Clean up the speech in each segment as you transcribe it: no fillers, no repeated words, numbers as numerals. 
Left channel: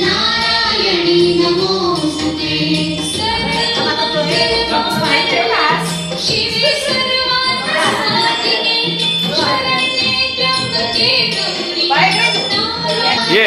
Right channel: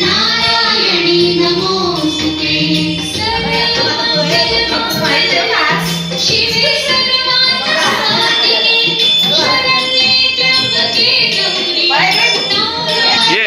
नारायणी नमोस्तुते शिवे सर्वार्थसाधिके शरण्ये त्र्यंबके गौरी नारायणी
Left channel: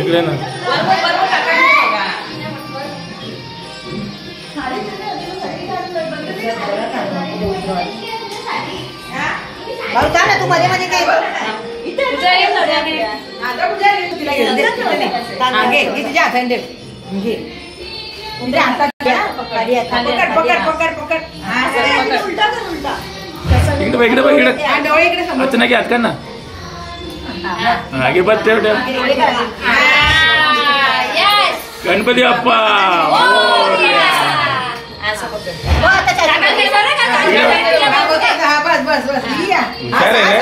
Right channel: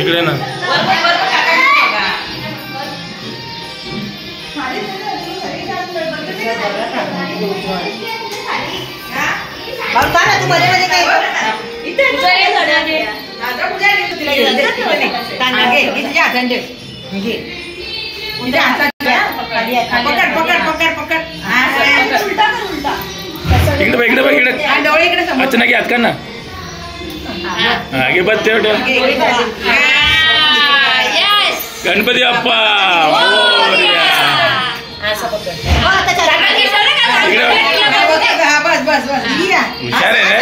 इकडे ना इकडे अच्छा की हात काढ ना आगे बघ तेवढ्या गणपती बाप्पा हुशार आहे रे.